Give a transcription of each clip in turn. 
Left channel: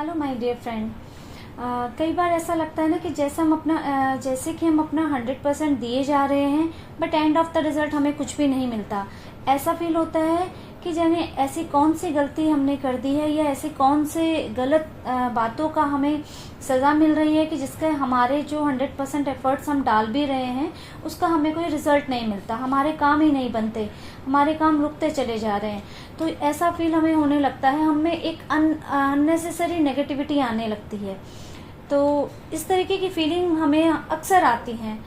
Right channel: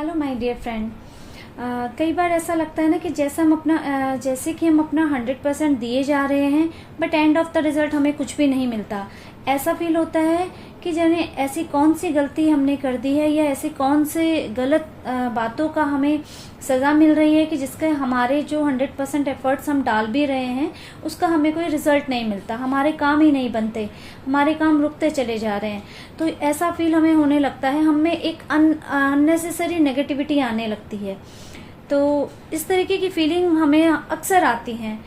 Hello my dear friend. कई बार ऐसा लगता है ना कि जैसे कि हम अपना 100% दिए जा रहे हैं, but end of the result हमें कुछ भी नहीं मिलता। ऐसा फील होता है कि जाने ऐसी कौन सी गलती हमने कर दी है या ऐसी कौन से गलत बातों का हमें सजा मिल रही है कि जिसके हमारे जो 100% एफर्ट्स हम डाल भी रहे हैं उसका हमें कोई रिजल्ट नहीं मिलता, हमारे काम ही नहीं बनते, हमारे काम रुकते चले जा रहे हैं। तो ऐसा फील हमें होने लगता है, हमें एक अननेसेसरी नेगेटिविटी आने लगती है। तो इस तरीके की फीलिंग हमें अक्सर आती है।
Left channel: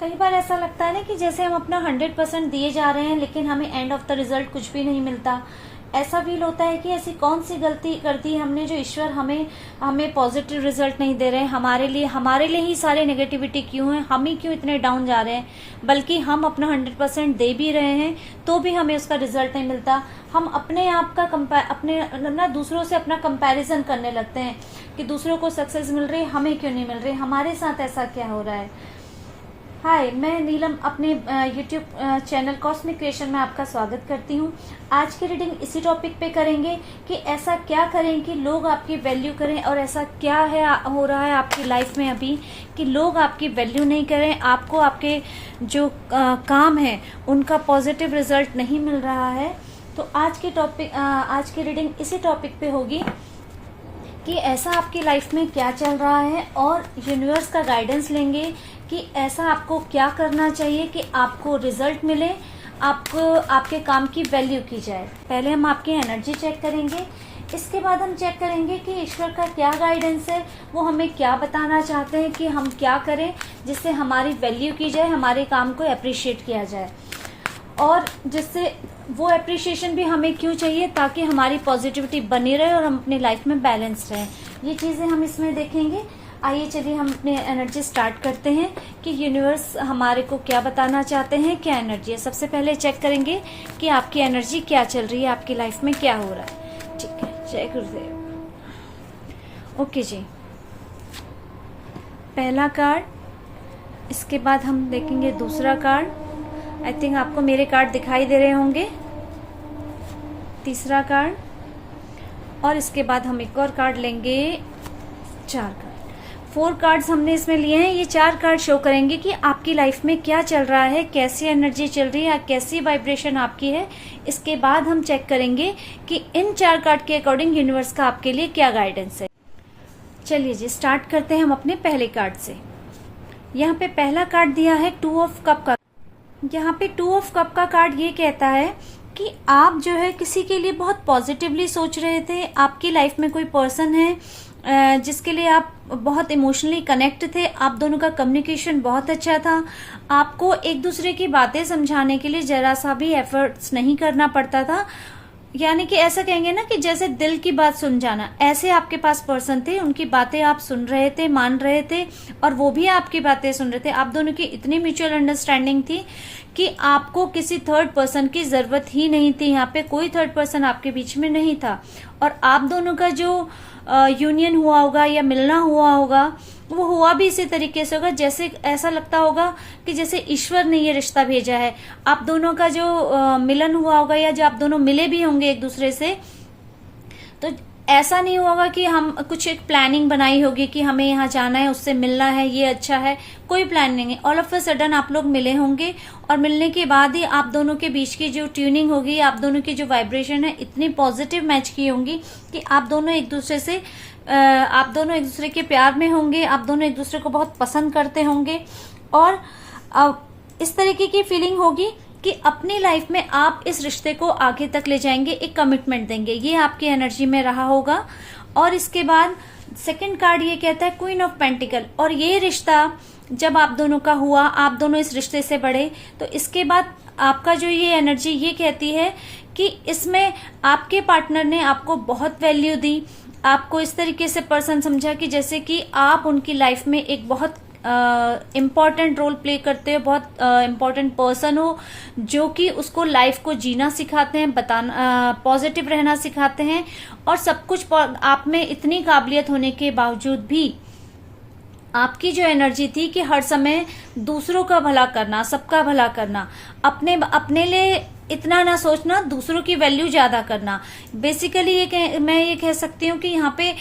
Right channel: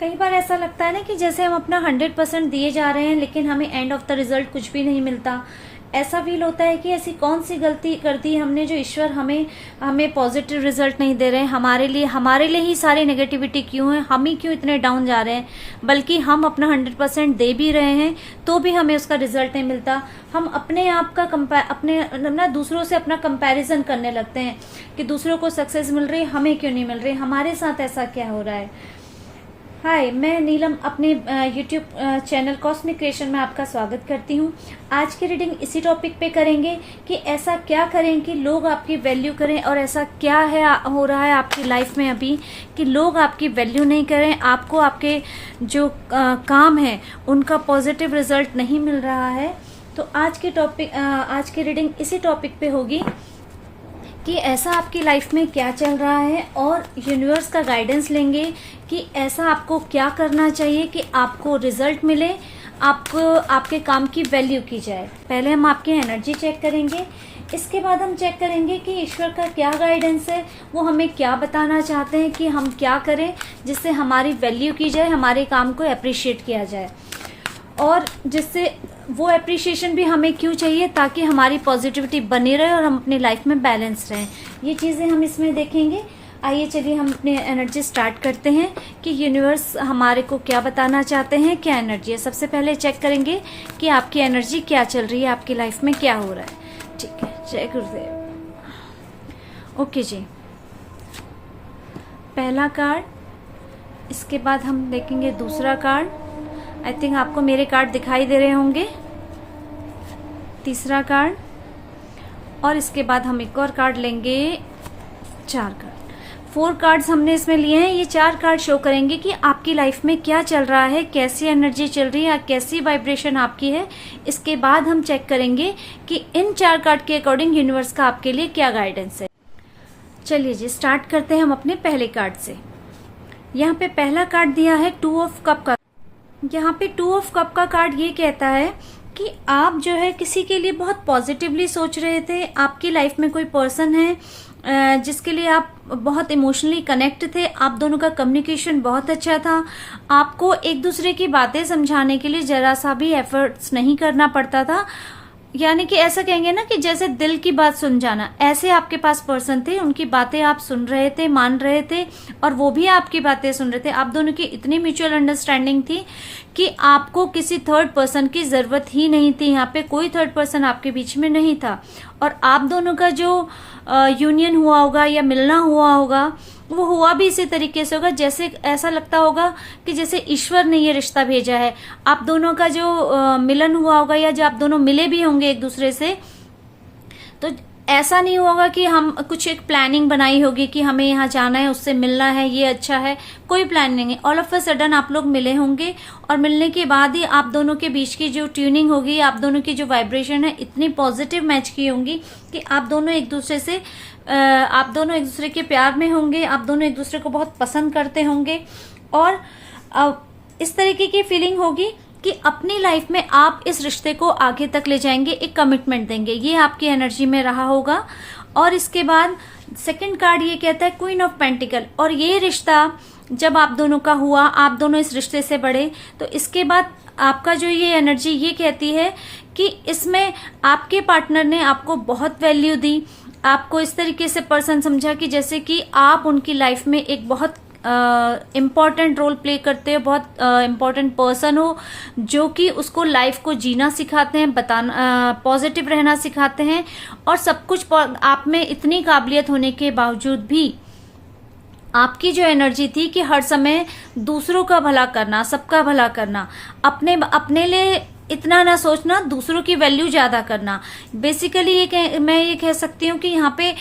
कई बार ऐसा लगता है ना कि जैसे हम अपना 100% दिए जा रहे हैं लेकिन हमें एंड ऑफ द रिजल्ट कुछ भी नहीं मिलता। ऐसा फील होता है कि ऐसी कौन सी गलती कर दी हमने जो ईश्वर हमें पॉजिटिव रिजल्ट नहीं दे रहे हैं। हमारे लिए ही सारी नेगेटिविटी क्यों है, हम ही क्यों इतने डाउन जा रहे हैं। बल्कि हम अपना 100% दे भी रहे हैं तो भी हमें उसका रिजल्ट नहीं मिलता। हम अपने आप का दूसरों से अपना कंपैरिजन करने लगते हैं कि दूसरों को सक्सेस मिल रही है, हमें क्यों नहीं मिल रही, हमारे साथ ऐसा क्या हो रहा है। हाय, मैं नीलम अपने यूट्यूब चैनल कॉस्मिक क्रिएशन में आपका स्वागत करती हूँ। आज की रीडिंग इसी टॉपिक पे करेंगे कि ऐसा क्या करें कि लोग आपकी वैल्यू करें, और ऐसा क्या हो रहा है आपकी लाइफ में अभी कि लोग आपकी वैल्यू नहीं करें, आपको आपके जो काम है उनका पॉजिटिव रिजल्ट नहीं मिल रहा है। तो आज की रीडिंग इसी टॉपिक पे होगी कि ऐसा आपकी लाइफ में क्या चल रहा है, और यूनिवर्स का गाइडेंस लेंगे कि ऐसा आपको क्या करना चाहिए कि आपको रिजल्ट मिले, आपको आपके काम की वैल्यू की जाए। पहले हम आपकी एनर्जी चेक करेंगे, इसके बाद हम चेक करेंगे कि ईश्वर का क्या गाइडेंस है, वो हमें क्या बताना चाहते हैं कि हम क्या करें जिससे हमारी वैल्यू की जाए, हमारे काम को अप्रिशिएट किया जाए, और जिससे वो अप्रिशिएशन भी हमें क्यों चाहिए, ताकि हमारी पॉजिटिविटी बनी रहे और हम अपनी लाइफ में बैलेंस रहें। ये चीजें हम इसमें देखेंगे। आइए चलिए हम अपनी एनर्जी स्टार्ट करते हैं कि यूनिवर्स हमारे को क्या बताना चाहते हैं, क्या एनर्जी है। सबसे पहले चेक करेंगे कि आपकी एनर्जी क्या चल रही है, आपकी लाइफ में क्या हो रहा है। ठीक है, जय गुरुदेव। ओके जी, पहला कार्ड, इसके बाद हम देखेंगे दूसरा कार्ड। आई थिंक आपको मेरे कार्ड दिखाई दे रहे होंगे। तीसरा कार्ड, और इसके बाद हम एक और कार्ड लेंगे। 4 कार्ड, 4 कार्ड्स हमने इसमें लिए हैं। ये 4 कार्ड शो करेंगे कि आपकी लाइफ में क्या चल रहा है, कैसी एनर्जी चल रही है, कैसी वाइब्रेशन आपकी है। इसके बाद हम चेक करेंगे कि इन 4 कार्ड के अकॉर्डिंग यूनिवर्स का आपके लिए क्या गाइडेंस है। चलिए जी, स्टार्ट करते हैं हम अपने पहले कार्ड से। यहाँ पे पहला कार्ड दिया है 2 ऑफ कप का। यहाँ पे 2 ऑफ कप का कार्ड ये कहता है कि आप जो है किसी के लिए बहुत पॉजिटिवली सोच रहे थे। आपकी लाइफ में कोई पर्सन है जिसके लिए आप बहुत इमोशनली कनेक्ट थे, आप दोनों का कम्युनिकेशन बहुत अच्छा था, आपको एक दूसरे की बातें समझाने के लिए जरा सा भी एफर्ट्स नहीं करना पड़ता था। यानी कि ऐसा कहेंगे ना कि जैसे दिल की बात सुन जाना, ऐसे आपके पास पर्सन थे, उनकी बातें आप सुन रहे थे, मान रहे थे, और वो भी आपकी बातें सुन रहे थे। आप दोनों की इतनी म्यूचुअल अंडरस्टैंडिंग थी कि आपको किसी थर्ड पर्सन की जरूरत ही नहीं थी। यहाँ पे कोई थर्ड पर्सन आपके बीच में नहीं था, और आप दोनों का जो यूनियन हुआ होगा या मिलना हुआ होगा, वो हुआ भी इसी तरीके से होगा जैसे ऐसा लगता होगा कि जैसे ईश्वर ने ये रिश्ता भेजा है। आप दोनों का जो मिलन हुआ होगा या जो आप दोनों मिले भी होंगे एक दूसरे से, तो ऐसा नहीं होगा कि हम कुछ एक प्लानिंग बनाई होगी कि हमें यहाँ जाना है, उससे मिलना है, ये अच्छा है, कोई प्लान नहीं है। ऑल ऑफ अ सडन आप लोग मिले होंगे, और मिलने के बाद ही आप दोनों के बीच की जो ट्यूनिंग होगी, आप दोनों की जो वाइब्रेशन है इतनी पॉजिटिव मैच की होंगी कि आप दोनों एक दूसरे के प्यार में होंगे, आप दोनों एक दूसरे को बहुत पसंद करते होंगे, और इस तरीके की फीलिंग होगी कि अपनी लाइफ में आप इस रिश्ते को आगे तक ले जाएंगे, एक कमिटमेंट देंगे। ये आपकी एनर्जी में रहा होगा। और इसके बाद सेकंड कार्ड ये कहता है क्वीन ऑफ पेंटिकल, और ये रिश्ता जब आप दोनों का हुआ, आप दोनों इस रिश्ते से बढ़े, तो इसके बाद आपका जो ये एनर्जी ये कहती है कि इसमें आपके पार्टनर ने आपको बहुत वैल्यू दी, आपको इस तरीके से पर्सन समझा कि जैसे कि आप उनकी लाइफ में एक बहुत इम्पॉर्टेंट रोल प्ले करते हो, बहुत इम्पॉर्टेंट पर्सन हो, जो कि उसको लाइफ को जीना सिखाते हैं, पॉजिटिव रहना सिखाते हैं, और सब कुछ आप में इतनी काबिलियत होने के बावजूद भी आपकी जो एनर्जी थी कि हर समय दूसरों का भला करना, सबका भला करना, अपने लिए इतना ना सोचना, दूसरों की वैल्यू ज्यादा करना। बेसिकली मैं ये कह सकती हूँ कि यहाँ पे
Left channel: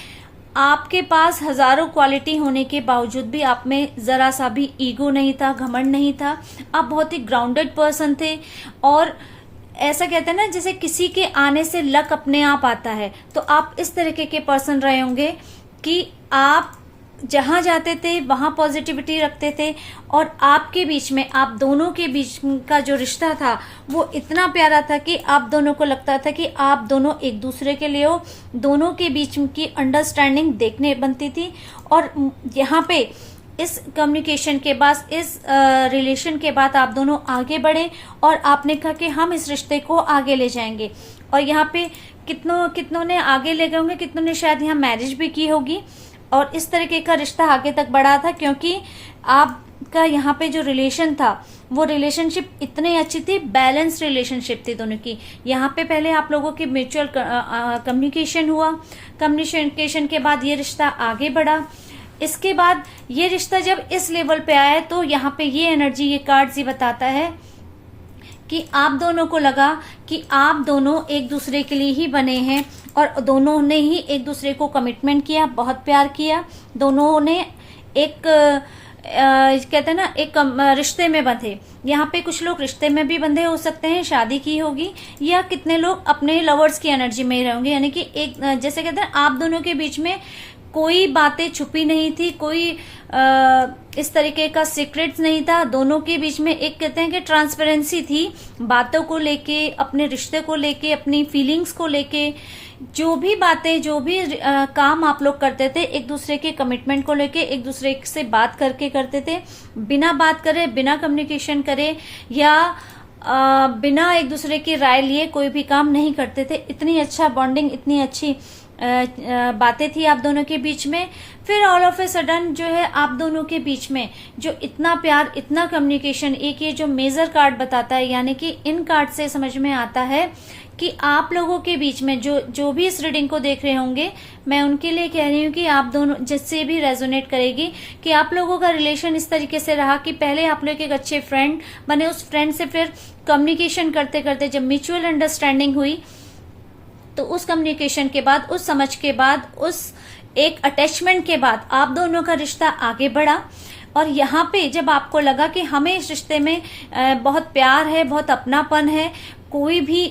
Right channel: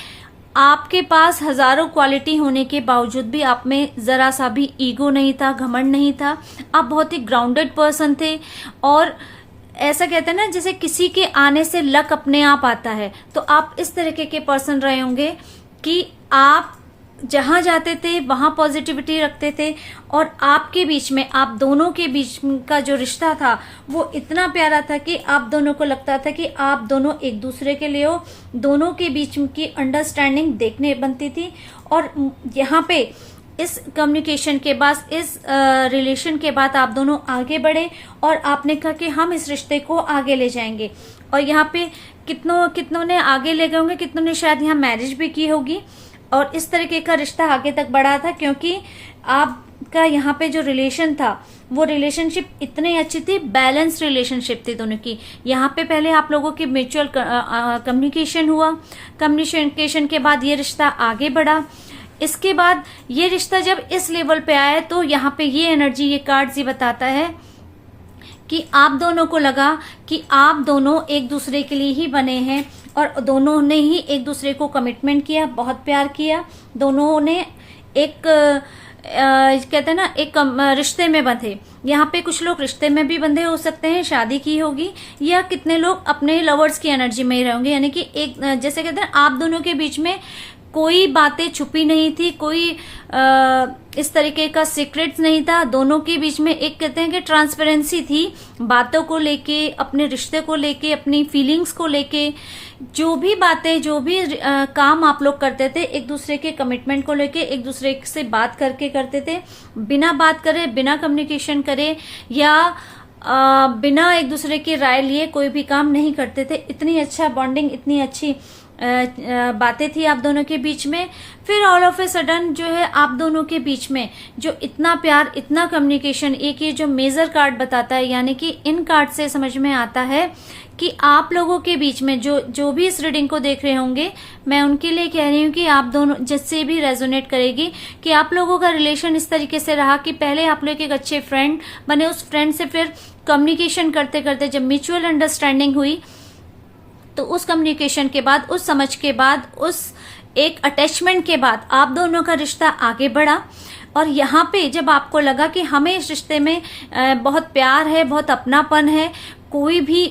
आपके पास हजारों क्वालिटी होने के बावजूद भी आप में जरा सा भी ईगो नहीं था, घमंड नहीं था। आप बहुत ही ग्राउंडेड पर्सन थे। और ऐसा कहते हैं ना, जैसे किसी के आने से लक अपने आप आता है, तो आप इस तरीके के पर्सन रहे होंगे कि आप जहां जाते थे वहां पॉजिटिविटी रखते थे। और आपके बीच में, आप दोनों के बीच का जो रिश्ता था वो इतना प्यारा था कि आप दोनों को लगता था कि आप दोनों एक दूसरे के लिए हो। दोनों के बीच की अंडरस्टैंडिंग देखने बनती थी। और यहाँ पे इस कम्युनिकेशन के बाद, इस रिलेशन के बाद आप दोनों आगे बढ़े और आपने कहा कि हम इस रिश्ते को आगे ले जाएंगे। और यहाँ पे कितनों ने आगे ले गए होंगे, कितनों ने शायद यहाँ मैरिज भी की होगी। और इस तरीके का रिश्ता आगे तक बढ़ा था, क्योंकि आपका यहाँ पे जो रिलेशन था वो रिलेशनशिप इतनी अच्छी थी, बैलेंस रिलेशनशिप थी दोनों की। यहाँ पे पहले आप लोगों की म्यूचुअल कम्युनिकेशन हुआ। कम्युनिकेशन के बाद ये रिश्ता आगे बढ़ा। इसके बाद ये रिश्ता जब इस लेवल पे आया तो यहाँ पे ये एनर्जी, ये कार्ड ये बताता है कि आप दोनों को लगा कि आप दोनों एक दूसरे के लिए ही बने हैं। और दोनों ने ही एक दूसरे को कमिटमेंट किया, बहुत प्यार किया। दोनों ने एक कहते हैं ना, एक रिश्ते में बंधे। यहाँ पे कुछ लोग रिश्ते में भी बंधे हो सकते हैं, शादी की होगी, या कितने लोग अपने लवर्स की एनर्जी में ही रहेंगे। यानी कि एक, जैसे कहते हैं, आप दोनों के बीच में कोई बातें छुपी नहीं थी, कोई इस तरीके का सीक्रेट्स नहीं था। दोनों के बीच में एक, कहते हैं कि ट्रांसपेरेंसी थी, बातों को लेके, अपने रिश्ते को लेके, अपनी फीलिंग्स को लेके। जो भी बातें, जो भी काम आप लोग करते थे, एक दूसरे के कमिटमेंट को लेके एक दूसरे से बात करके करते थे। बिना बात करे, बिना कम्युनिकेशन करे, या बिना एक दूसरे की राय लिए कोई भी काम नहीं करते थे। इतनी अच्छा बॉन्डिंग, इतनी अच्छी बातें थी आप दोनों के बीच में। फिर ऑल ऑफ ए सडन जो है आप दोनों के बीच में जो इतना प्यार, इतना कम्युनिकेशन, एक ये जो मेजर कार्ड बताता है, यानी कि इन कार्ड से समझ में आता है कि आप लोगों के बीच में जो भी इस रीडिंग को देख रहे होंगे, मैं उनके लिए कह रही हूँ कि आप दोनों, जिससे भी रेजोनेट करेगी, कि आप लोगों का रिलेशन इस तरीके से रहा कि पहले आप लोग एक अच्छे फ्रेंड बने, उस फ्रेंड से फिर कम्युनिकेशन करते करते जब म्यूचुअल अंडरस्टैंडिंग हुई, तो उस कम्युनिकेशन के बाद, उस समझ के बाद, उस एक अटैचमेंट के बाद आप दोनों का रिश्ता आगे बढ़ा। और यहाँ पे जब आपको लगा कि हमें इस रिश्ते में बहुत प्यार है, बहुत अपनापन है, कोई भी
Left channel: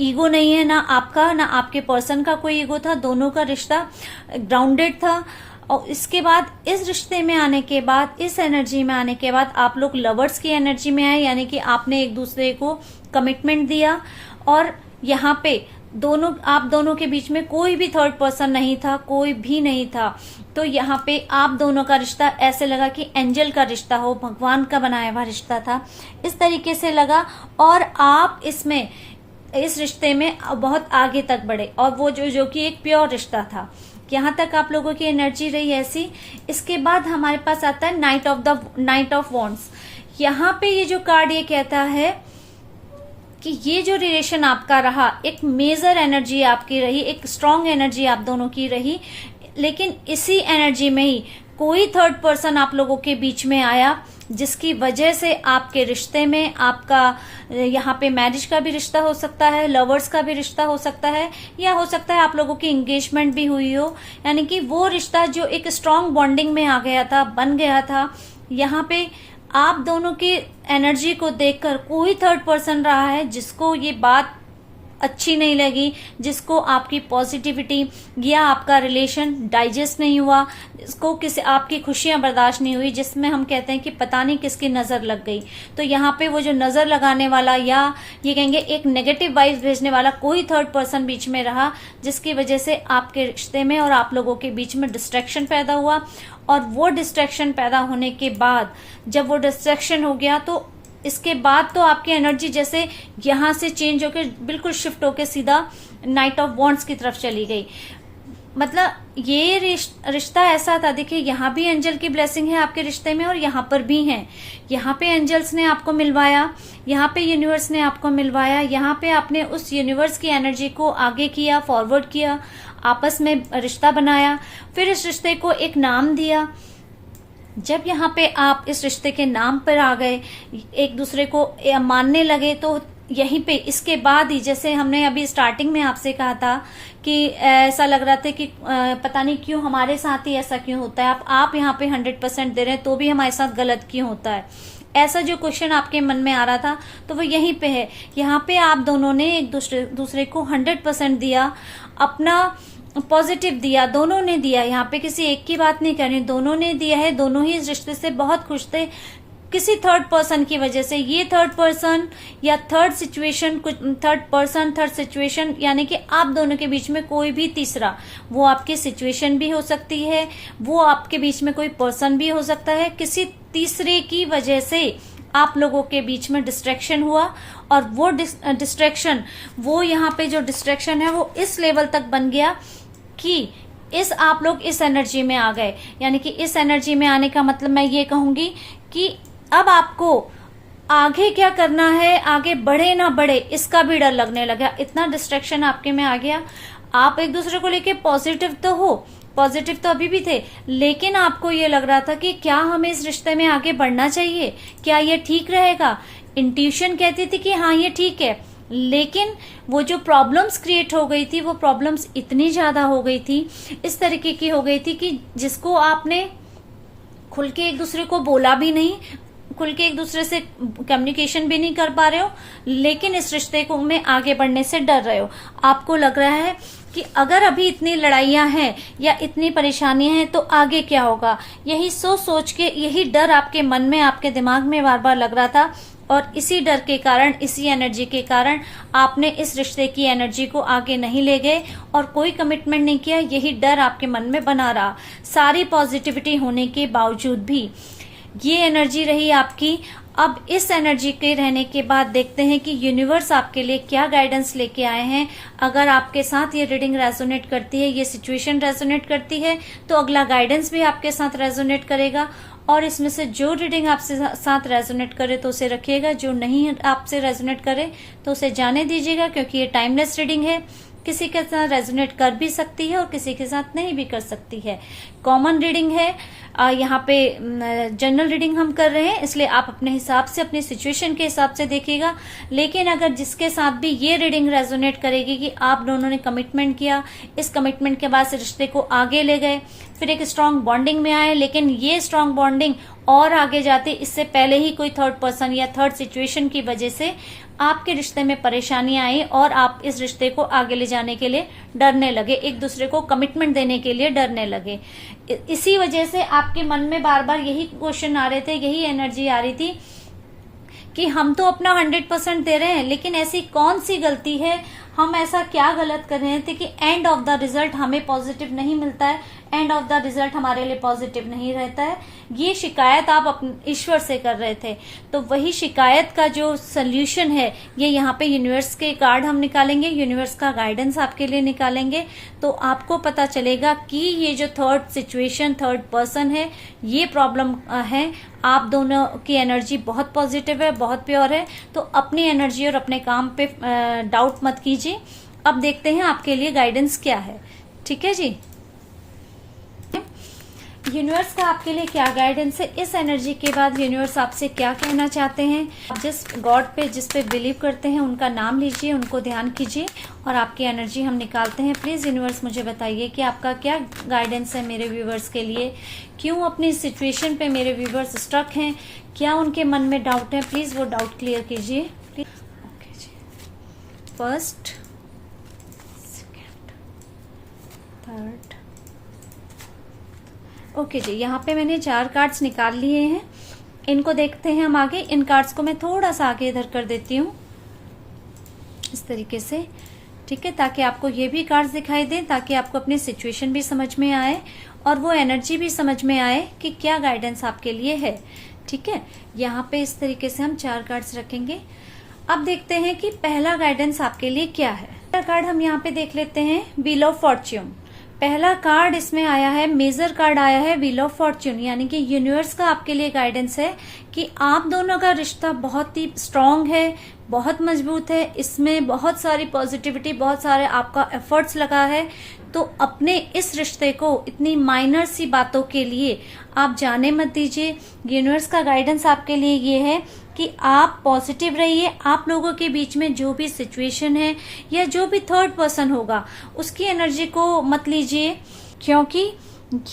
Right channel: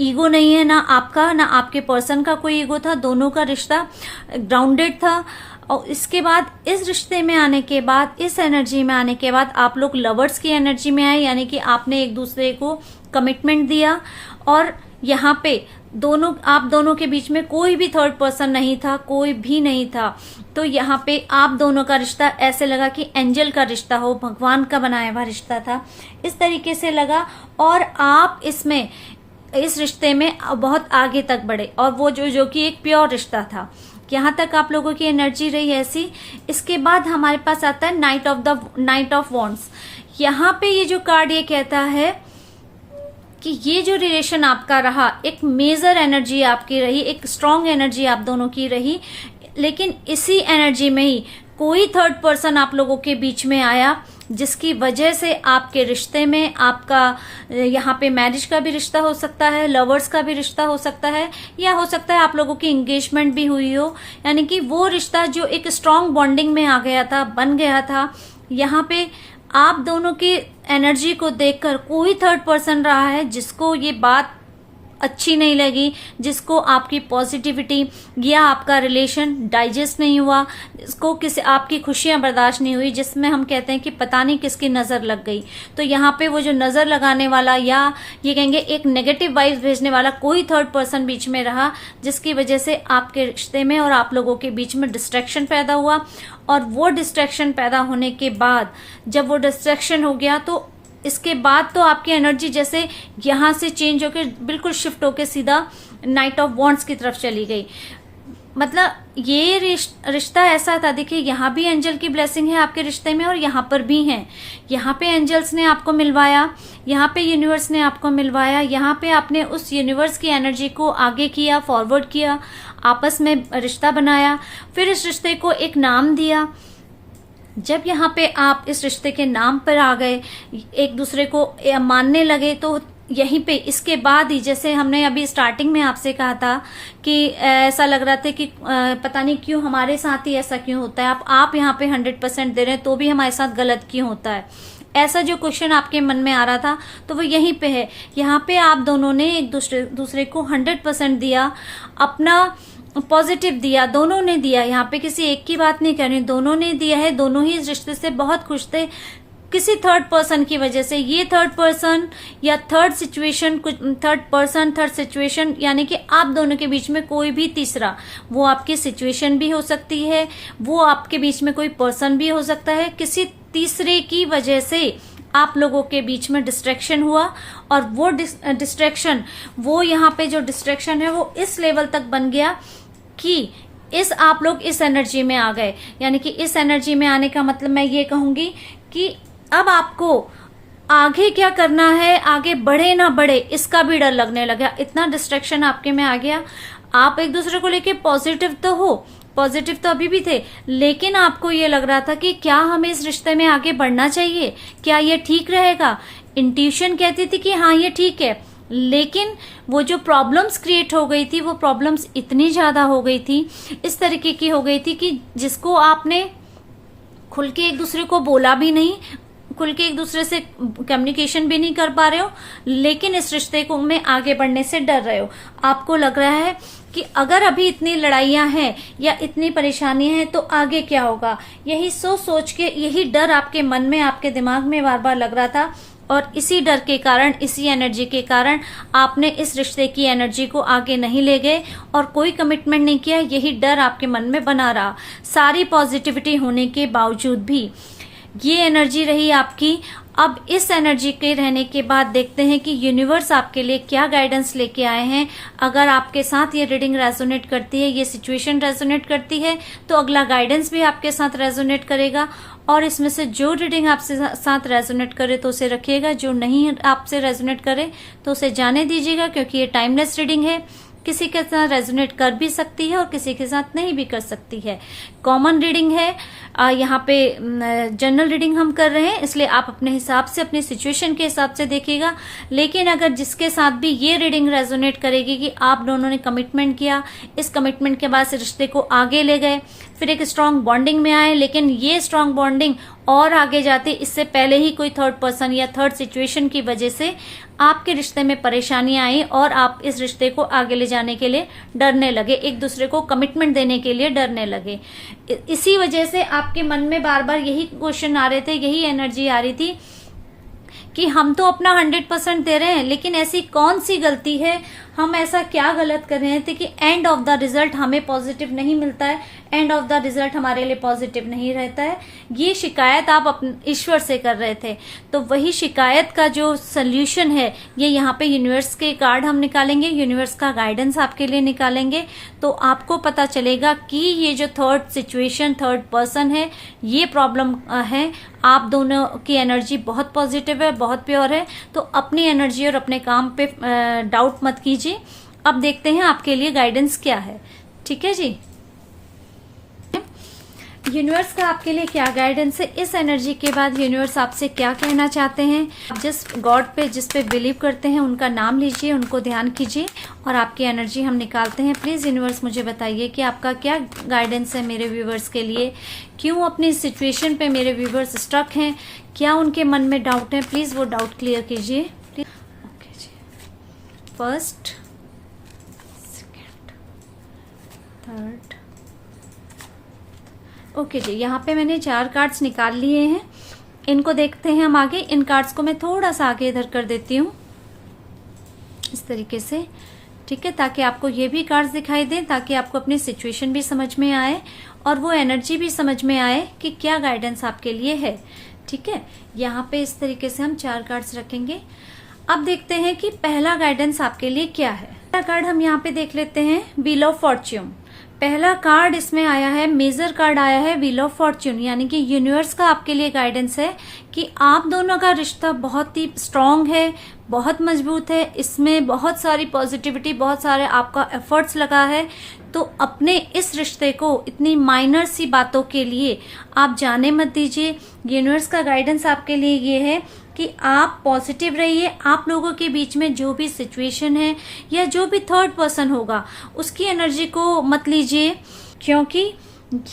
ईगो नहीं है, ना आपका ना आपके पर्सन का कोई ईगो था, दोनों का रिश्ता ग्राउंडेड था। और इसके बाद इस रिश्ते में आने के बाद, इस एनर्जी में आने के बाद आप लोग लवर्स की एनर्जी में आए, यानी कि आपने एक दूसरे को कमिटमेंट दिया। और यहाँ पे आप दोनों के बीच में कोई भी थर्ड पर्सन नहीं था, कोई भी नहीं था। तो यहाँ पे आप दोनों का रिश्ता ऐसे लगा कि एंजल का रिश्ता हो, भगवान का बनाया हुआ रिश्ता था, इस तरीके से लगा। और आप इस रिश्ते में बहुत आगे तक बढ़े, और वो जो कि एक प्योर रिश्ता था। यहाँ तक आप लोगों की एनर्जी रही ऐसी। इसके बाद हमारे पास आता है नाइट ऑफ वॉन्ड्स। यहाँ पे ये जो कार्ड ये कहता है कि ये जो रिलेशन आपका रहा, एक मेजर एनर्जी आपकी रही, एक स्ट्रांग एनर्जी आप दोनों की रही, लेकिन इसी एनर्जी में ही कोई थर्ड पर्सन आप लोगों के बीच में आया, जिसकी वजह से आपके रिश्ते में, आपका यहाँ पे मैरिज का भी रिश्ता हो सकता है, लवर्स का भी रिश्ता हो सकता है, या हो सकता है आप लोगों की एंगेजमेंट भी हुई हो। यानी कि वो रिश्ता जो एक स्ट्रांग बॉन्डिंग में आ गया था, बन गया था। यहाँ पे आप दोनों की एनर्जी को देखकर कोई थर्ड पर्सन रहा है जिसको ये बात अच्छी नहीं लगी, जिसको आपकी पॉजिटिविटी या आपका रिलेशन डाइजेस्ट नहीं हुआ, जिसको आपकी खुशियां बर्दाश्त नहीं हुई, जिसमें हम कहते हैं कि पता नहीं किसकी नजर लग गई। तो यहाँ पे वो जो नजर लगाने वाला, या ये कहेंगे एक नेगेटिव वाइब्स भेजने वाला कोई थर्ड पर्सन बीच में रहा, जिसकी वजह से आपके रिश्ते में और आप लोगों के बीच में डिस्ट्रैक्शन पैदा हुआ। और वो डिस्ट्रैक्शन पैदा होने के बाद, जब वो डिस्ट्रैक्शन हो गया, तो इसके बाद तो आपकी एनर्जी जैसे यहां से चेंज होकर बिल्कुल शिफ्ट होकर सीधा नाइट ऑफ वॉन्ड्स की तरफ चली गई। मतलब ये रिश्ता ऐसा था, देखिए यहाँ भी एंजल की ब्लेसिंग है आपके रिश्ते में, और यहाँ पर भी है। यहाँ पे एंजल्स ने आपको मिलवाया, यहाँ पे यूनिवर्स ने आपको मिलवाया, यहाँ पे आपने उस यूनिवर्स की एनर्जी को आगे किया, फॉरवर्ड किया, आपस में रिश्ता बनाया, फिर इस रिश्ते को एक नाम दिया। जब यहाँ पे आप इस रिश्ते के नाम पर आ गए, एक दूसरे को मानने लगे, तो यहीं पे इसके बाद ही, जैसे हमने अभी स्टार्टिंग में आपसे कहा था कि ऐसा लग रहा था कि पता नहीं क्यों हमारे साथ ही ऐसा क्यों होता है, आप यहाँ पे 100% दे रहे हैं तो भी हमारे साथ गलत क्यों होता है, ऐसा जो क्वेश्चन आपके मन में आ रहा था, तो वो यहीं पे है। यहाँ पे आप दोनों ने एक दूसरे को 100% दिया, अपना पॉजिटिव दिया, दोनों ने दिया। यहाँ पे किसी एक की बात नहीं करनी, दोनों ने दिया है, दोनों ही इस रिश्ते से बहुत खुश थे। किसी थर्ड पर्सन की वजह से, ये थर्ड पर्सन या थर्ड सिचुएशन, थर्ड सिचुएशन, यानी कि आप दोनों के बीच में कोई भी तीसरा, वो आपकी सिचुएशन भी हो सकती है, वो आपके बीच में कोई पर्सन भी हो सकता है, किसी तीसरे की वजह से आप लोगों के बीच में डिस्ट्रैक्शन हुआ। और वो डिस्ट्रैक्शन, वो यहाँ पे जो डिस्ट्रैक्शन है वो इस लेवल तक बन गया कि आप लोग इस एनर्जी में आ गए। यानी कि इस एनर्जी में आने का मतलब मैं ये कहूंगी कि अब आपको आगे क्या करना है, आगे बढ़े ना बढ़े इसका भी डर लगने लगा, इतना डिस्ट्रैक्शन आपके में आ गया। आप एक दूसरे को लेके पॉजिटिव तो हो, पॉजिटिव तो अभी भी थे, लेकिन आपको ये लग रहा था कि क्या हमें इस रिश्ते में आगे बढ़ना चाहिए, क्या ये ठीक रहेगा। इंट्यूशन कहती थी कि हाँ ये ठीक है, लेकिन वो जो प्रॉब्लम्स क्रिएट हो गई थी, वो प्रॉब्लम्स इतनी ज्यादा हो गई थी, इस तरीके की हो गई थी कि जिसको आपने खुल के एक दूसरे को बोला भी नहीं, खुल के एक दूसरे से कम्युनिकेशन भी नहीं कर पा रहे हो, लेकिन इस रिश्ते को में आगे बढ़ने से डर रहे हो। आपको लग रहा है कि अगर अभी इतनी लड़ाइयां हैं या इतनी परेशानियां हैं तो आगे क्या होगा, यही सोच के, यही डर आपके मन में, आपके दिमाग में बार बार लग रहा था। और इसी डर के कारण, इसी एनर्जी के कारण आपने इस रिश्ते की एनर्जी को आगे नहीं ले गए और कोई कमिटमेंट नहीं किया। यही डर आपके मन में बना रहा, सारी पॉजिटिविटी होने के बावजूद भी ये एनर्जी रही आपकी। अब इस एनर्जी के रहने के बाद देखते हैं कि यूनिवर्स आपके लिए क्या गाइडेंस लेके आए हैं। अगर आपके साथ ये रीडिंग रेजोनेट करती है, ये सिचुएशन रेजोनेट करती है, तो अगला गाइडेंस भी आपके साथ रेजोनेट करेगा। और इसमें से जो रीडिंग आपसे साथ रेजोनेट करे तो उसे रखिएगा, जो नहीं आपसे रेजोनेट करे तो उसे जाने दीजिएगा, क्योंकि ये टाइमलेस रीडिंग है। किसी के साथ रेजोनेट कर भी सकती है और किसी के साथ नहीं भी कर सकती है। कॉमन रीडिंग है, यहाँ पे जनरल रीडिंग हम कर रहे हैं, इसलिए आप अपने हिसाब से, अपनी सिचुएशन के हिसाब से देखिएगा। लेकिन अगर जिसके साथ भी ये रीडिंग रेजोनेट करेगी कि आप दोनों ने कमिटमेंट किया, इस कमिटमेंट के बाद से रिश्ते को आगे ले गए, फिर एक स्ट्रांग बॉन्डिंग में आए, लेकिन ये स्ट्रांग बॉन्डिंग और आगे जाते इससे पहले ही कोई थर्ड पर्सन या थर्ड सिचुएशन की वजह से आपके रिश्ते में परेशानी आई और आप इस रिश्ते को आगे ले जाने के लिए डरने लगे, एक दूसरे को कमिटमेंट देने के लिए डरने लगे। इसी वजह से आपके मन में बार बार यही क्वेश्चन आ रहे थे, यही एनर्जी आ रही थी कि हम तो अपना 100% दे रहे हैं, लेकिन ऐसी कौन सी गलती है, हम ऐसा क्या गलत कर रहे थे कि एंड ऑफ द रिजल्ट हमें पॉजिटिव नहीं मिलता है, एंड ऑफ द रिजल्ट हमारे लिए पॉजिटिव नहीं रहता है। ये शिकायत आप अपने ईश्वर से कर रहे थे। तो वही शिकायत का जो सोल्यूशन है, ये यहाँ पे यूनिवर्स के कार्ड हम निकालेंगे, यूनिवर्स का गाइडेंस आपके लिए निकालेंगे, तो आपको पता चलेगा कि ये जो थर्ड सिचुएशन, थर्ड पर्सन है, ये प्रॉब्लम है। आप दोनों की एनर्जी बहुत पॉजिटिव है, बहुत प्योर है, तो अपनी एनर्जी और अपने काम पे डाउट मत कीजिए। अब देखते हैं आपके लिए गाइडेंस क्या है। ठीक है जी, यूनिवर्स का आपके लिए क्या गाइडेंस है। इस एनर्जी के बाद यूनिवर्स आपसे क्या कहना चाहते हैं। आप जिस गॉड पे, जिस पे बिलीव करते हैं, उनका नाम लीजिए, उनको ध्यान कीजिए और आपकी एनर्जी हम निकालते हैं। प्लीज यूनिवर्स मुझे बताइए कि आपका क्या गाइडेंस है मेरे व्यूवर्स के लिए। क्यों अपनी सिचुएशन पे मेरे व्यूवर्स स्टक हैं, क्या उनके मन में डाउट है, प्लीज वो डाउट क्लियर कीजिए। ओके जी, फर्स्ट, सेकेंड, थर्ड। ओके जी, यहाँ पे मैंने 4 कार्ड्स निकाल लिए हैं, इनको देखते हैं हम आगे। इन कार्ड्स को मैं थोड़ा सा आगे इधर कर देती हूँ इस तरीके से, ठीक है, ताकि आपको ये भी कार्ड्स दिखाई दें, ताकि आपको अपनी सिचुएशन भी समझ में आए और वो एनर्जी भी समझ में आए कि क्या गाइडेंस आपके लिए है। ठीक है, यहाँ पे इस तरीके से हम 4 कार्ड्स रखेंगे। अब देखते हैं कि पहला गाइडेंस आपके लिए क्या है। पहला कार्ड हम यहाँ पे देख लेते हैं, व्हील ऑफ फॉर्च्यून। पहला कार्ड इसमें आया है, मेजर कार्ड आया है व्हील ऑफ फॉर्च्यून, यानी कि यूनिवर्स का आपके लिए गाइडेंस है कि आप दोनों का रिश्ता बहुत ही स्ट्रांग है, बहुत मजबूत है, इसमें बहुत सारी पॉजिटिविटी, बहुत सारे आपका एफर्ट्स लगा है। तो अपने इस रिश्ते को इतनी माइनर सी बातों के लिए आप जाने मत दीजिए। यूनिवर्स का गाइडेंस आपके लिए ये है कि आप पॉजिटिव रहिए। आप लोगों के बीच में जो भी सिचुएशन है या जो भी थर्ड पर्सन होगा उसकी एनर्जी को मत लीजिए, क्योंकि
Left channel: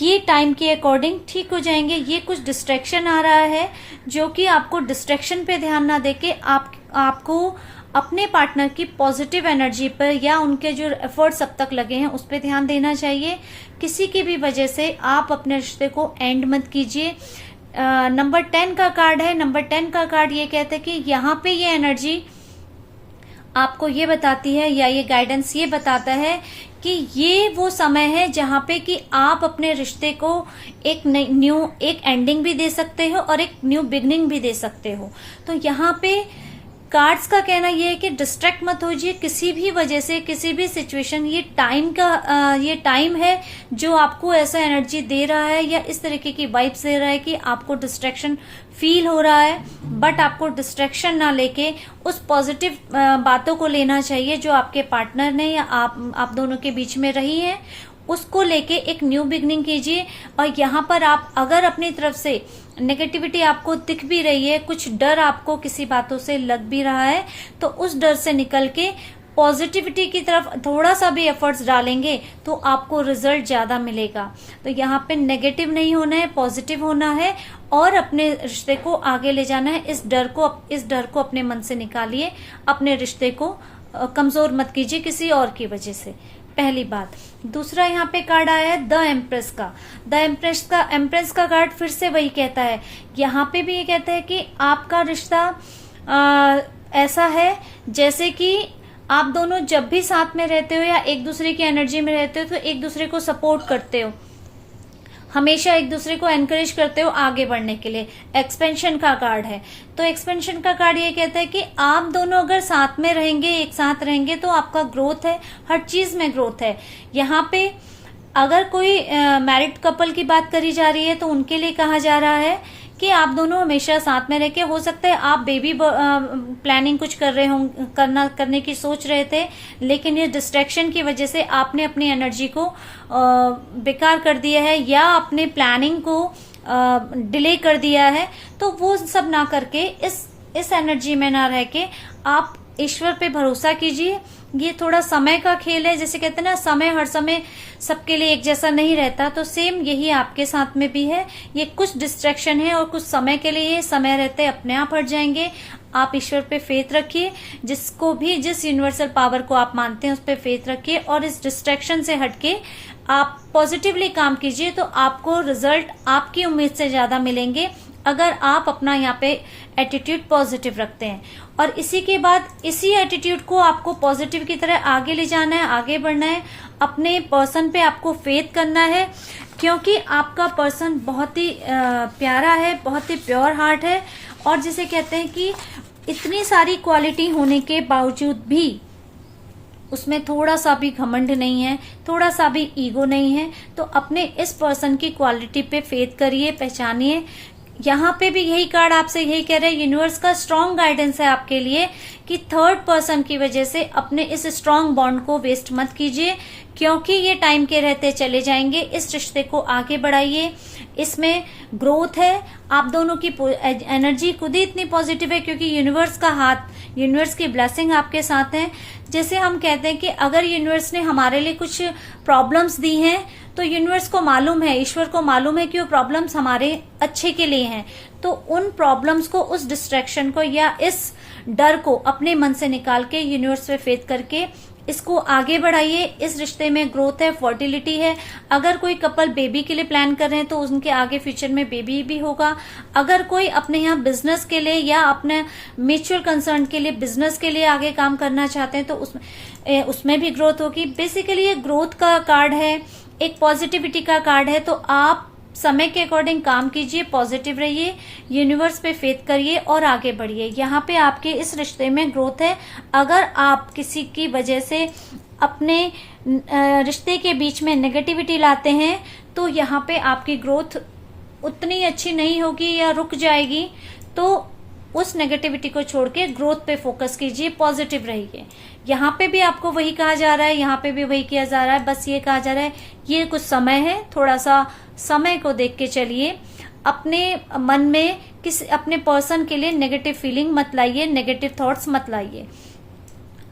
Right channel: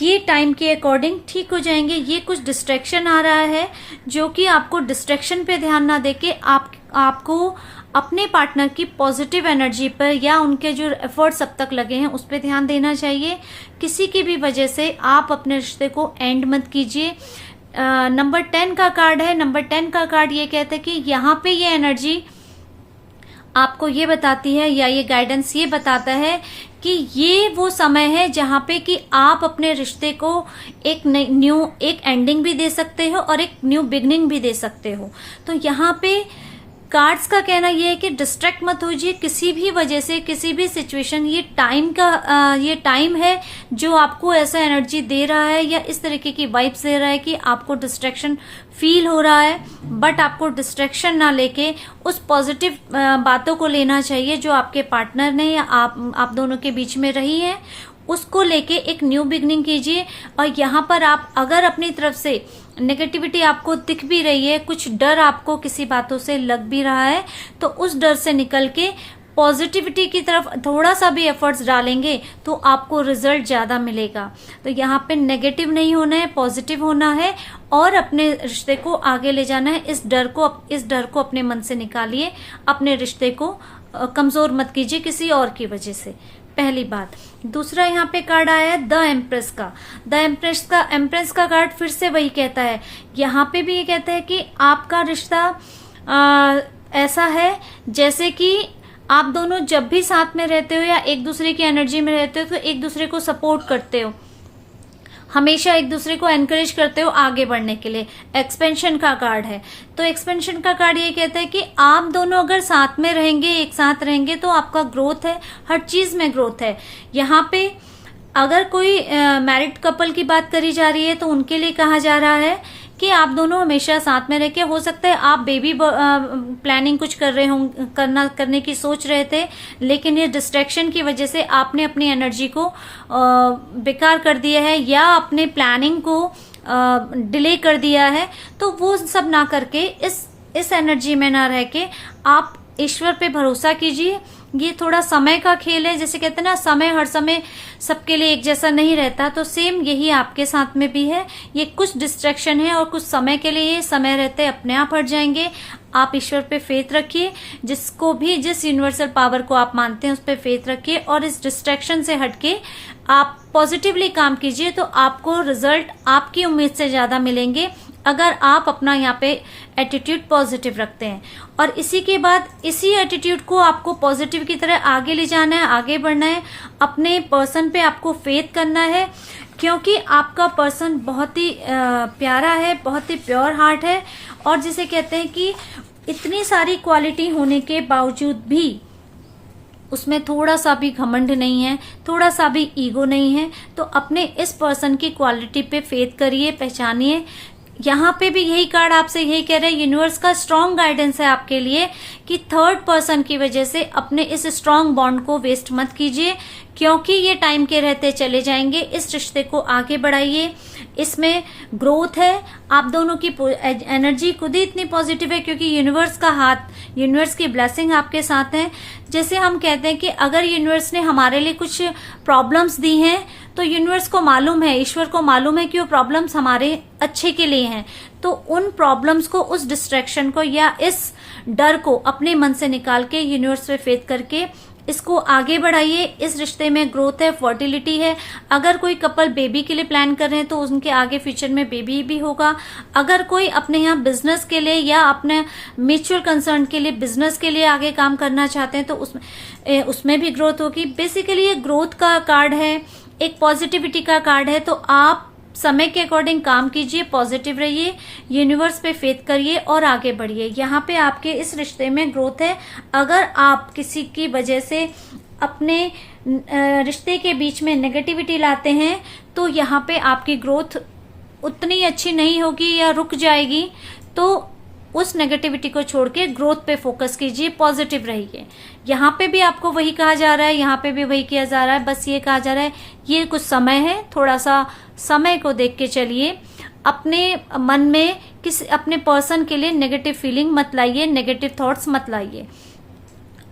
ये टाइम के अकॉर्डिंग ठीक हो जाएंगे। ये कुछ डिस्ट्रैक्शन आ रहा है जो कि आपको डिस्ट्रैक्शन पे ध्यान ना देके आपको अपने पार्टनर की पॉजिटिव एनर्जी पर या उनके जो एफर्ट्स अब तक लगे हैं उस पर ध्यान देना चाहिए। किसी की भी वजह से आप अपने रिश्ते को एंड मत कीजिए। नंबर 10 का कार्ड है। नंबर 10 का कार्ड ये कहता है कि यहाँ पे ये एनर्जी आपको ये बताती है या ये गाइडेंस ये बताता है कि ये वो समय है जहां पे कि आप अपने रिश्ते को एक एंडिंग भी दे सकते हो और एक न्यू बिगनिंग भी दे सकते हो। तो यहाँ पे कार्ड्स का कहना यह है कि डिस्ट्रैक्ट मत होइए किसी भी वजह से, किसी भी सिचुएशन। ये टाइम है जो आपको ऐसा एनर्जी दे रहा है या इस तरीके की वाइब्स दे रहा है कि आपको डिस्ट्रैक्शन फील हो रहा है, बट आपको डिस्ट्रैक्शन ना लेके उस पॉजिटिव बातों को लेना चाहिए जो आपके पार्टनर ने या आप दोनों के बीच में रही है, उसको लेके एक न्यू बिगनिंग कीजिए। और यहाँ पर आप अगर अपनी तरफ से नेगेटिविटी आपको दिख भी रही है, कुछ डर आपको किसी बातों से लग भी रहा है, तो उस डर से निकल के पॉजिटिविटी की तरफ थोड़ा सा भी एफर्ट्स डालेंगे तो आपको रिजल्ट ज्यादा मिलेगा। तो यहाँ पे नेगेटिव नहीं होना है, पॉजिटिव होना है और अपने रिश्ते को आगे ले जाना है। इस डर को अपने मन से निकालिए, अपने रिश्ते को कमजोर मत कीजिए किसी और की वजह से, पहली बात। दूसरा यहाँ पे कार्ड आया है द एम्प्रेस का। द एम्प्रेस का कार्ड फिर से वही कहता है, यहाँ पे भी ये कहता है कि आपका रिश्ता ऐसा है जैसे कि आप दोनों जब भी साथ में रहते हो या एक दूसरे की एनर्जी में रहते हो तो एक दूसरे को सपोर्ट करते हो, हमेशा एक दूसरे को एनकरेज करते हो आगे बढ़ने के लिए। एक्सपेंशन का कार्ड है, तो एक्सपेंशन का कार्ड ये कहता है कि आप दोनों अगर साथ में रहेंगे, एक साथ रहेंगे तो आपका ग्रोथ है, हर चीज में ग्रोथ है। यहाँ पे अगर कोई मैरिड कपल की बात करी जा रही है तो उनके लिए कहा जा रहा है कि आप दोनों हमेशा साथ में रह के, हो सकता है आप बेबी प्लानिंग कुछ कर रहे हो, करने की सोच रहे थे, लेकिन ये डिस्ट्रैक्शन की वजह से आपने अपनी एनर्जी को बेकार कर दिया है या अपने प्लानिंग को डिले कर दिया है। तो वो सब ना करके इस एनर्जी में ना रह के आप ईश्वर पे भरोसा कीजिए। ये थोड़ा समय का खेल है, जैसे कहते हैं ना समय हर समय सबके लिए एक जैसा नहीं रहता, तो सेम यही आपके साथ में भी है। ये कुछ डिस्ट्रैक्शन है और कुछ समय के लिए, समय रहते अपने आप हट जाएंगे। आप ईश्वर पे फेथ रखिए, जिस यूनिवर्सल पावर को आप मानते हैं उस पे फेथ रखिए और इस डिस्ट्रैक्शन से हटके आप पॉजिटिवली काम कीजिए तो आपको रिजल्ट आपकी उम्मीद से ज्यादा मिलेंगे अगर आप अपना यहाँ पे एटीट्यूड पॉजिटिव रखते हैं। और इसी के बाद इसी एटीट्यूड को आपको पॉजिटिव की तरह आगे ले जाना है, आगे बढ़ना है। अपने पर्सन पे आपको फेथ करना है, क्योंकि आपका पर्सन बहुत ही प्यारा है, बहुत ही प्योर हार्ट है और जिसे कहते हैं कि इतनी सारी क्वालिटी होने के बावजूद भी उसमें थोड़ा सा भी घमंड नहीं है, थोड़ा सा भी ईगो नहीं है। तो अपने इस पर्सन की क्वालिटी पे फेथ करिए, पहचानिए। यहाँ पे भी यही कार्ड आपसे यही कह रहे हैं, यूनिवर्स का स्ट्रांग गाइडेंस है आपके लिए कि थर्ड पर्सन की वजह से अपने इस स्ट्रांग बॉन्ड को वेस्ट मत कीजिए, क्योंकि ये टाइम के रहते चले जाएंगे। इस रिश्ते को आगे बढ़ाइए, इसमें ग्रोथ है। आप दोनों की एनर्जी खुद ही इतनी पॉजिटिव है क्योंकि यूनिवर्स का हाथ, यूनिवर्स की ब्लेसिंग आपके साथ है। जैसे हम कहते हैं कि अगर यूनिवर्स ने हमारे लिए कुछ प्रॉब्लम्स दी हैं तो यूनिवर्स को मालूम है, ईश्वर को मालूम है कि वो प्रॉब्लम्स हमारे अच्छे के लिए हैं। तो उन प्रॉब्लम्स को, उस डिस्ट्रैक्शन को या इस डर को अपने मन से निकाल के यूनिवर्स पे फेथ करके इसको आगे बढ़ाइए। इस रिश्ते में ग्रोथ है, फर्टिलिटी है। अगर कोई कपल बेबी के लिए प्लान कर रहे हैं तो उनके आगे फ्यूचर में बेबी भी होगा। अगर कोई अपने यहाँ बिजनेस के लिए या अपने म्यूचुअल कंसर्न के लिए, बिजनेस के लिए आगे काम करना चाहते हैं तो उसमें भी ग्रोथ होगी। बेसिकली ये ग्रोथ का कार्ड है, एक पॉजिटिविटी का कार्ड है। तो आप समय के अकॉर्डिंग काम कीजिए, पॉजिटिव रहिए, यूनिवर्स पे फेथ करिए और आगे बढ़िए। यहाँ पे आपके इस रिश्ते में ग्रोथ है। अगर आप किसी की वजह से अपने रिश्ते के बीच में नेगेटिविटी लाते हैं तो यहाँ पे आपकी ग्रोथ उतनी अच्छी नहीं होगी या रुक जाएगी। तो उस नेगेटिविटी को छोड़ के ग्रोथ पे फोकस कीजिए, पॉजिटिव रहिए। यहाँ पे भी आपको वही कहा जा रहा है, यहाँ पे भी वही किया जा रहा है। बस ये कहा जा रहा है ये कुछ समय है, थोड़ा सा समय को देख के चलिए। अपने मन में अपने पर्सन के लिए नेगेटिव फीलिंग मत लाइए, नेगेटिव थॉट्स मत लाइए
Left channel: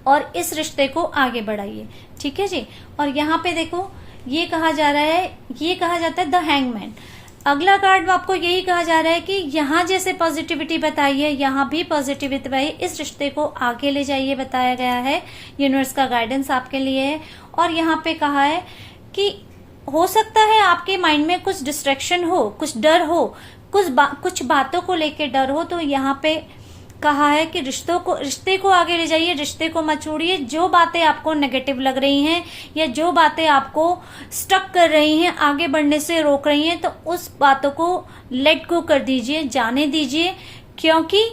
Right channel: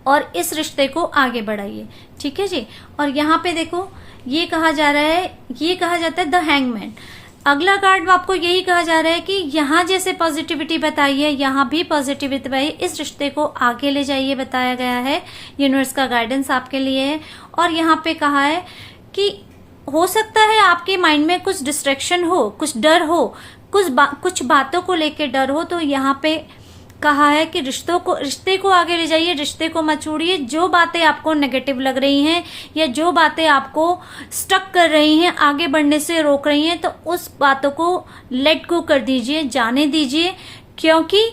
और इस रिश्ते को आगे बढ़ाइए। ठीक है जी। और यहाँ पे देखो ये कहा जा रहा है, ये कहा जाता है द हैंगमैन। अगला कार्ड आपको यही कहा जा रहा है कि यहाँ जैसे पॉजिटिविटी बताई है, यहाँ भी पॉजिटिविटी बताई, इस रिश्ते को आगे ले जाइए बताया गया है। यूनिवर्स का गाइडेंस आपके लिए है। और यहाँ पे कहा है कि हो सकता है आपके माइंड में कुछ डिस्ट्रैक्शन हो, कुछ डर हो, कुछ बातों को लेके डर हो, तो यहाँ पे कहा है कि रिश्ते को आगे ले जाइए, रिश्ते को मत छोड़िए। जो बातें आपको नेगेटिव लग रही हैं या जो बातें आपको स्टक कर रही हैं, आगे बढ़ने से रोक रही हैं, तो उस बातों को लेट गो कर दीजिए, जाने दीजिए। क्योंकि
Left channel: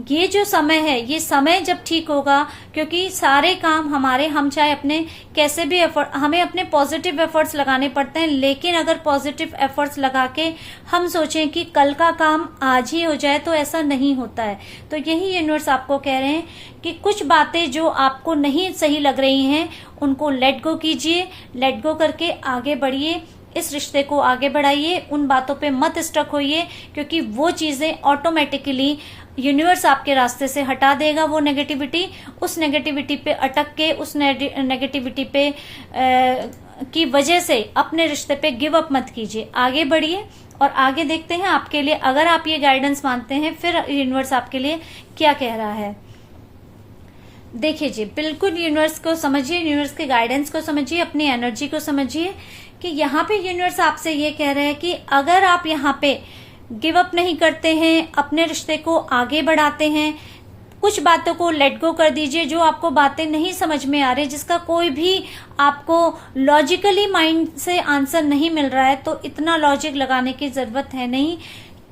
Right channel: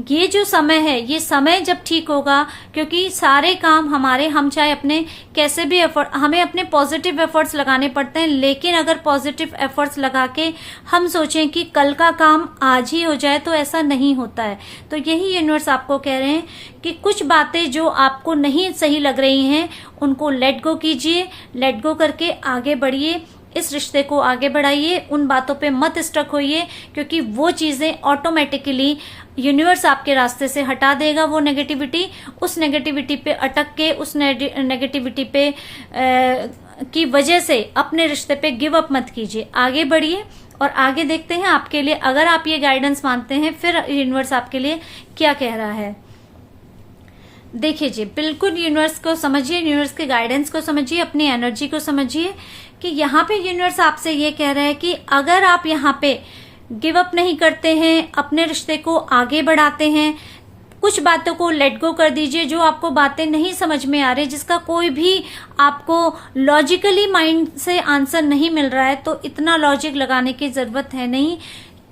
ये जो समय है, ये समय जब ठीक होगा, क्योंकि सारे काम हम चाहे अपने कैसे भी हमें अपने पॉजिटिव एफर्ट्स लगाने पड़ते हैं, लेकिन अगर पॉजिटिव एफर्ट्स लगा के हम सोचें कि कल का काम आज ही हो जाए, तो ऐसा नहीं होता है। तो यही यूनिवर्स आपको कह रहे हैं कि कुछ बातें जो आपको नहीं सही लग रही हैं, उनको लेट गो कीजिए, लेट गो करके आगे बढ़िए, इस रिश्ते को आगे बढ़ाइए, उन बातों पे मत स्टक होइए, क्योंकि वो चीजें ऑटोमेटिकली यूनिवर्स आपके रास्ते से हटा देगा। वो नेगेटिविटी, उस नेगेटिविटी पे अटक के, उस नेगेटिविटी पे की वजह से अपने रिश्ते पे गिव अप मत कीजिए, आगे बढ़िए। और आगे देखते हैं आपके लिए, अगर आप ये गाइडेंस मानते हैं, फिर यूनिवर्स आपके लिए क्या कह रहा है। देखिए जी, बिल्कुल यूनिवर्स को समझिए, यूनिवर्स के गाइडेंस को समझिए, अपनी एनर्जी को समझिए कि यहाँ पे यूनिवर्स आपसे ये कह रहे हैं कि अगर आप यहाँ पे गिव अप नहीं करते हैं, अपने रिश्ते को आगे बढ़ाते हैं, कुछ बातों को लेट गो कर दीजिए। जो आपको बातें नहीं समझ में आ रही, जिसका कोई भी आपको लॉजिकली माइंड से आंसर नहीं मिल रहा है, तो इतना लॉजिक लगाने की जरूरत है नहीं।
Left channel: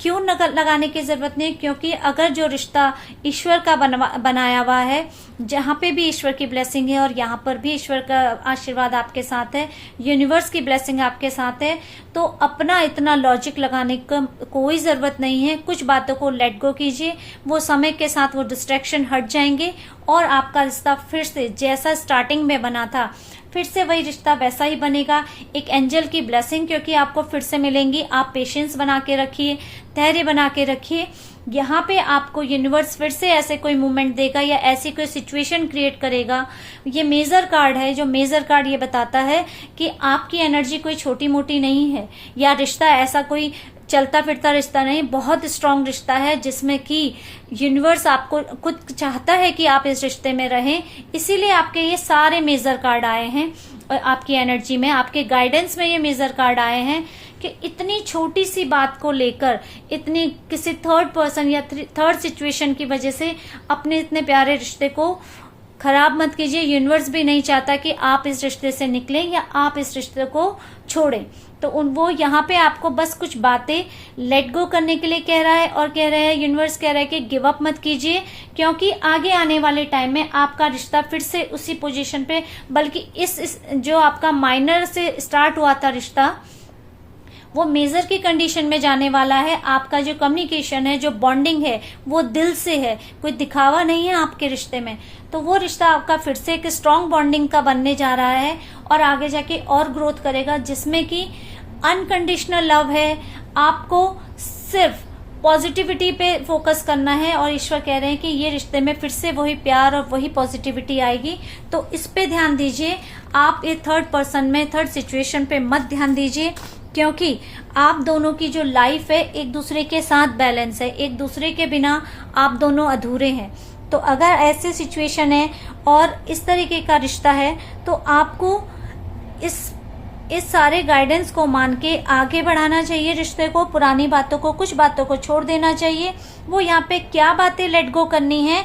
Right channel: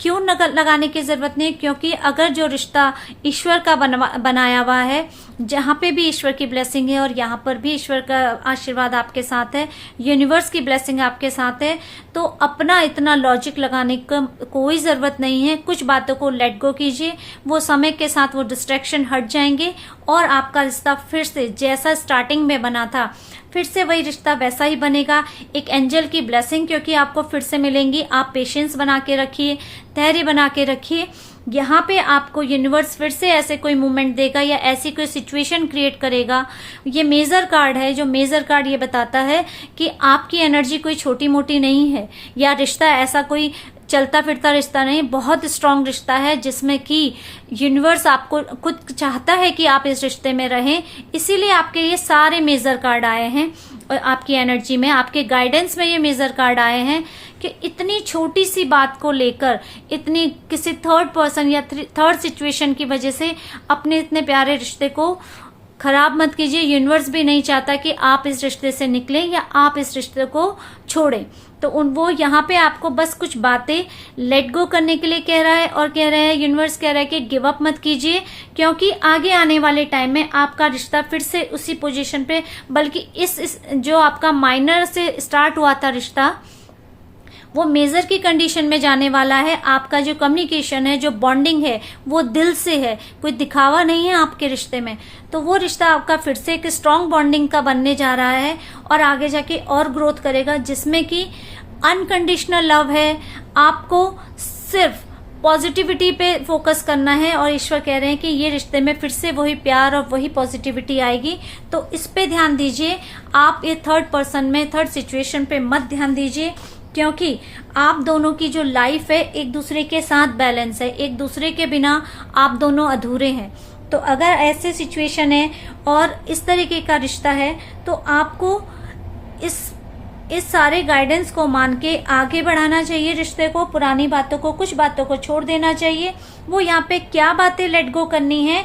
क्यों लगाने की जरूरत नहीं? क्योंकि अगर जो रिश्ता ईश्वर का बनाया हुआ है, जहां पे भी ईश्वर की ब्लेसिंग है और यहाँ पर भी ईश्वर का आशीर्वाद आपके साथ है, यूनिवर्स की ब्लेसिंग आपके साथ है, तो अपना इतना लॉजिक लगाने का कोई जरूरत नहीं है। कुछ बातों को लेट गो कीजिए, वो समय के साथ वो डिस्ट्रैक्शन हट जाएंगे और आपका रिश्ता फिर से जैसा स्टार्टिंग में बना था, फिर से वही रिश्ता वैसा ही बनेगा। एक एंजल की ब्लेसिंग क्योंकि आपको फिर से मिलेंगी। आप पेशेंस बना के रखिए, धैर्य बना के रखिए। यहाँ पे आपको यूनिवर्स फिर से ऐसे कोई मूवमेंट देगा या ऐसी कोई सिचुएशन क्रिएट करेगा। ये मेजर कार्ड है, जो मेजर कार्ड ये बताता है कि आपकी एनर्जी कोई छोटी मोटी नहीं है, या रिश्ता ऐसा कोई चलता फिरता रिश्ता नहीं, बहुत स्ट्रांग रिश्ता है, जिसमें कि यूनिवर्स आपको खुद चाहता है कि आप इस रिश्ते में रहें। इसीलिए आपके ये सारे मेजर कार्ड आए हैं और आपकी एनर्जी में, आपके गाइडेंस में ये मेजर कार्ड आए हैं कि इतनी छोटी सी बात को लेकर, इतनी किसी थर्ड पर्सन या थर्ड सिचुएशन की वजह से अपने इतने प्यारे रिश्ते को खराब मत कीजिए। यूनिवर्स भी नहीं चाहता कि आप इस रिश्ते से निकलें या आप इस रिश्ते को छोड़ें। तो वो यहाँ पे आपको बस कुछ बातें लेट गो करने के लिए कह रहा है, और कह रहा है, यूनिवर्स कह रहा है कि गिव अप मत कीजिए, क्योंकि आगे आने वाले टाइम में आपका रिश्ता फिर से उसी पोजीशन पे, बल्कि इस जो आपका माइनर से स्टार्ट हुआ था रिश्ता, वो मेजर की कंडीशन में जाने वाला है। आपका जो कम्युनिकेशन है, जो बॉन्डिंग है, वो दिल से है, कोई दिखावा नहीं है आपके रिश्ते में। तो वो रिश्ता आपका फिर से एक स्ट्रांग बॉन्डिंग का बनने जा रहा है और आगे जाके और ग्रोथ करेगा, जिसमें कि अनकंडीशनल लव है। आपको सिर्फ पॉजिटिविटी पे फोकस करना है और ईश्वर कह रहे हैं कि ये रिश्ते में फिर से वही प्यार और वही पॉजिटिविटी आएगी। तो इस पे ध्यान दीजिए। आप ये थर्ड पर्सन में, थर्ड सिचुएशन पे मत ध्यान दीजिए, क्योंकि आप दोनों की जो लाइफ है एक दूसरे के साथ बैलेंस है, एक दूसरे के बिना आप दोनों अधूरे हैं। तो अगर ऐसे सिचुएशन है और इस तरीके का रिश्ता है, तो आपको इस सारे गाइडेंस को मान के आगे बढ़ाना चाहिए रिश्ते को। पुरानी बातों को, कुछ बातों को छोड़ देना चाहिए। वो यहाँ पे क्या बातें लेट गो करनी है,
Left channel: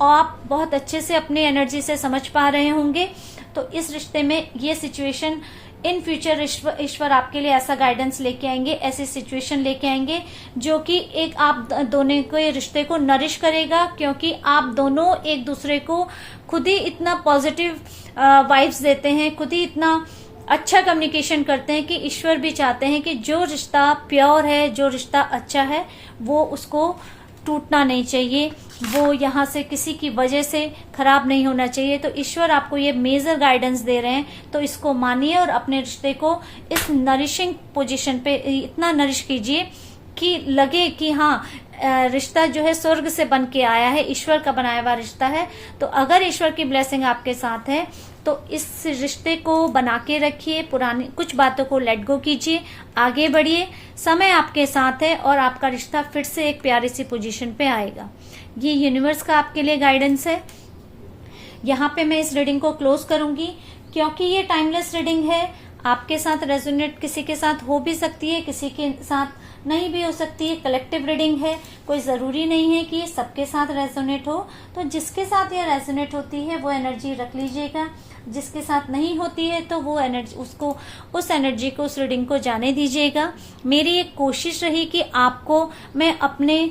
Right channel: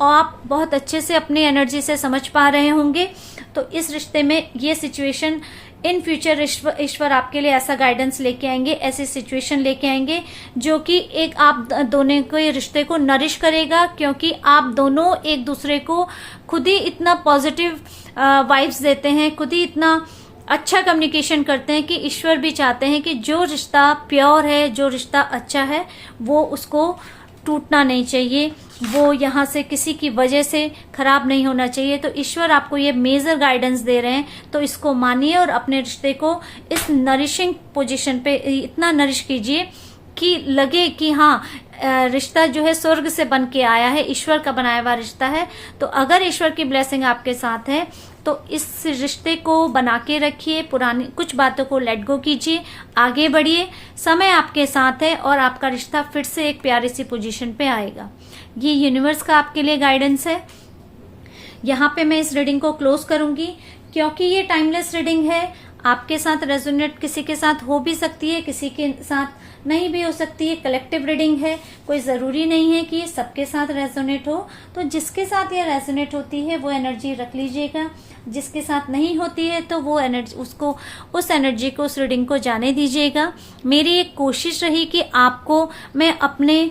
और आप बहुत अच्छे से अपनी एनर्जी से समझ पा रहे होंगे। तो इस रिश्ते में ये सिचुएशन इन फ्यूचर ईश्वर आपके लिए ऐसा गाइडेंस लेके आएंगे, ऐसी सिचुएशन लेके आएंगे जो कि एक आप दोनों को, ये रिश्ते को नरिश करेगा, क्योंकि आप दोनों एक दूसरे को खुद ही इतना पॉजिटिव वाइब्स देते हैं, खुद ही इतना अच्छा कम्युनिकेशन करते हैं कि ईश्वर भी चाहते हैं कि जो रिश्ता प्योर है, जो रिश्ता अच्छा है, वो उसको टूटना नहीं चाहिए, वो यहाँ से किसी की वजह से खराब नहीं होना चाहिए। तो ईश्वर आपको ये मेजर गाइडेंस दे रहे हैं, तो इसको मानिए और अपने रिश्ते को इस नरिशिंग पोजीशन पे इतना नरिश कीजिए कि लगे कि हाँ, रिश्ता जो है स्वर्ग से बन के आया है, ईश्वर का बनाया हुआ रिश्ता है। तो अगर ईश्वर की ब्लेसिंग आपके साथ है तो इस रिश्ते को बना के रखिए, पुरानी कुछ बातों को लेट गो कीजिए, आगे बढ़िए, समय आपके साथ है और आपका रिश्ता फिर से एक प्यारी सी पोजीशन पे आएगा। ये यूनिवर्स का आपके लिए गाइडेंस है। यहाँ पे मैं इस रीडिंग को क्लोज करूंगी क्योंकि ये टाइमलेस रीडिंग है। आपके साथ रेजोनेट किसी के साथ हो भी सकती है, किसी के साथ नहीं भी हो सकती है। कलेक्टिव रीडिंग है, कोई जरूरी नहीं है कि ये सबके साथ रेजोनेट हो। तो जिसके साथ ये रेजोनेट होती है वो एनर्जी रख लीजिएगा, जिसके साथ नहीं होती है तो वो एनर्जी उसको उस एनर्जी को उस रीडिंग को जाने दीजिएगा। मेरी एक कोशिश रही कि आपको मैं अपने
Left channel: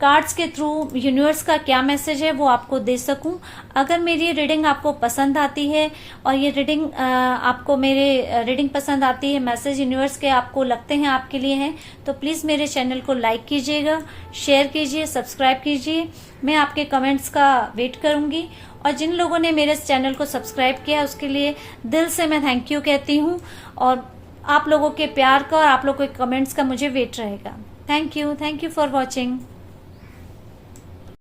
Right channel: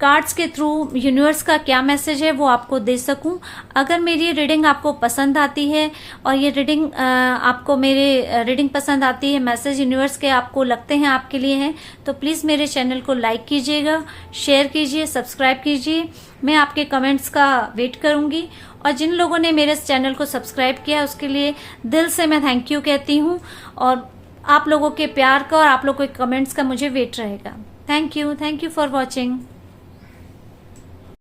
कार्ड्स के थ्रू यूनिवर्स का क्या मैसेज है वो आपको दे सकूं। अगर मेरी रीडिंग आपको पसंद आती है और ये रीडिंग आपको मेरे रीडिंग पसंद आती है, मैसेज यूनिवर्स के आपको लगते हैं आपके लिए हैं, तो प्लीज मेरे चैनल को लाइक कीजिएगा, शेयर कीजिए, सब्सक्राइब कीजिए। मैं आपके कमेंट्स का वेट करूंगी और जिन लोगों ने मेरे चैनल को सब्सक्राइब किया उसके लिए दिल से मैं थैंक यू कहती हूँ। और आप लोगों के प्यार का और आप लोगों के कमेंट्स का मुझे वेट रहेगा। Thank you for watching.